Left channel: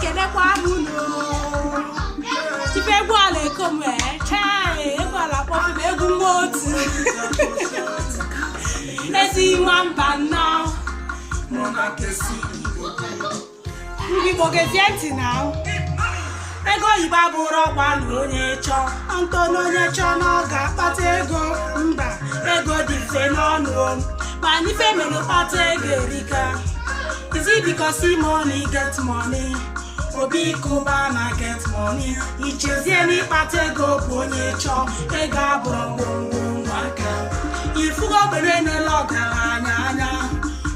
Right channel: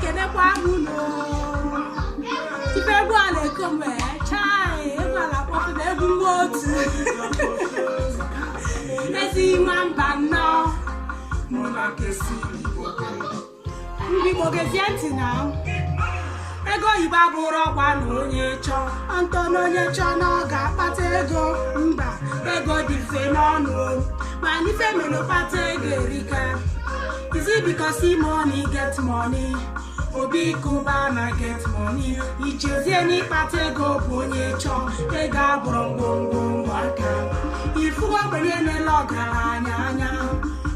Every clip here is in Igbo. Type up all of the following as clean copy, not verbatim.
kenekwa muno ife gwa le come chai egwa la pop na egwu motu ezi nwamba no mona kesi ndị bogezi ntị na ego yiba bụrụ ọgwa na onye chọ ntọ na onye chọ na ọ ga-akpata ego mba ego dị mfe n'ọnụ ma n'ife mere kpata ego erika. Is it because money get money? Obi kuba na get money. Ichezie n'ịkpata ego bụ onye chọ ego abụrụ ngwongwo aka. Ifu obere n'ele ọgaranya anya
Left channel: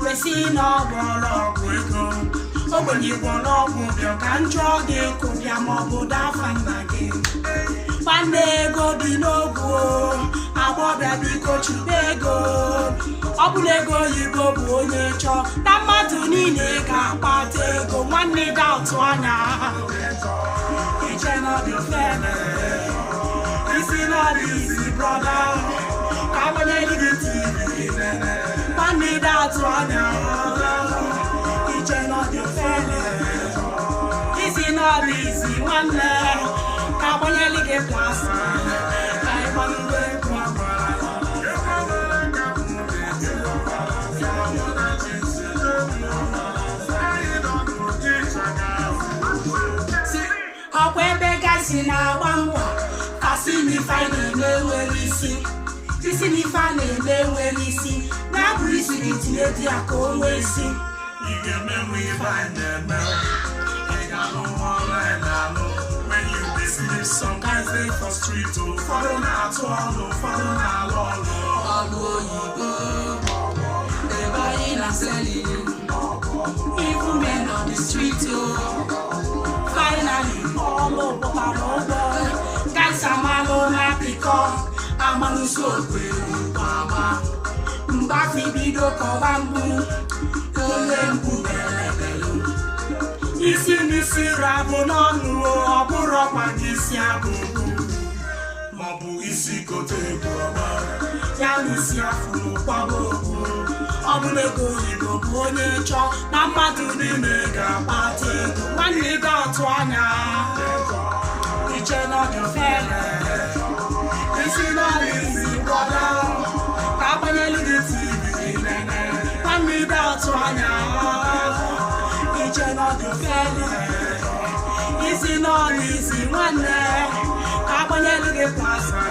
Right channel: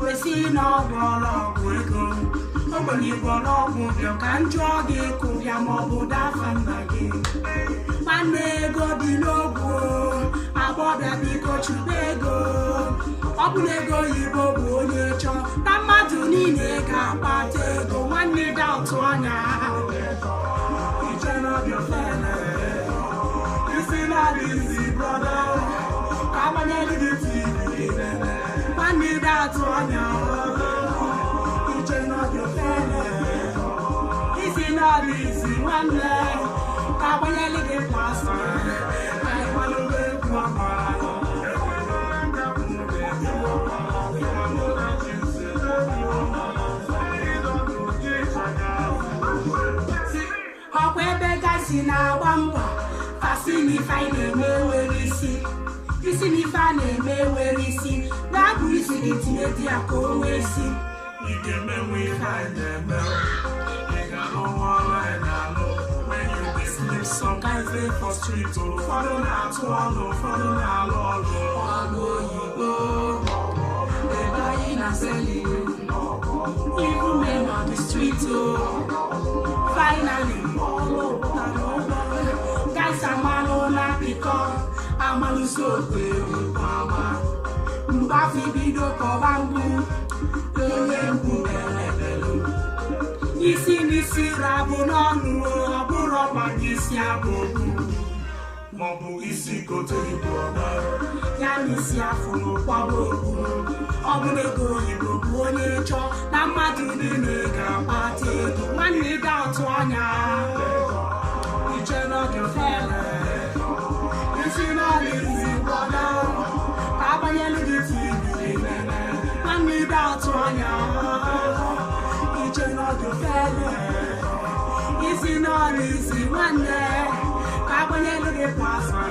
wesi n'ọgbọrọ ọgwụ ego. Ogbenye gwọrọ ọgwụ bịa ka njọ dị ekwu bịa maọbụ dafa nna gị. Nwanne ego dị n'ogwu agbọbịa biko chube ego. Ọ bụla ego oyibo bụ onye chọ na mmadụ niile ga-akpata ego nwanne ga atụ anya isi n'ọdụ isi brọda ka agbanyere gị TV nwanne ga atụ anya isi n'ọdụ isi nwanne ka agbanyere gị kwasị si na-agba mbọ kasị n'ife anyị na-eme nwere isi n'ife a na-eme nwere isi na-abụ isi gị tinye di ya ka o nwee isi ị ga-emenwe ihe anyị na-eme ị ga-alụ nwa ọrụ anyị na-alụ when you dey sleep some guys dey for street ụfọdụ na-atụ ọlụ ụfọdụ na-alụ ọlụ oyibo ebe anyị na-aseli even men on the street finally amanụsi okwe ama mgbafi bido kọba mgbu onye mgbu belebelu isi n'isi rabụ n'ọnụ ọ bụrụ ọkwa gị isi abụghị maọbụ isi kote bụ ọma ya na isi afụrụ kwaba okwu ọ bụla ego oyibo bụ onye chọ na mmadụ niile ga-akpata ego nwanne ga-atụ anya iche n'oge fere isi n'ọrụ isi brọda ka agbanyelu gị TV nwanne ga-atụ anya iche n'oge fere isi n'ọrụ isi nwanne ka agbanyelu gị plasma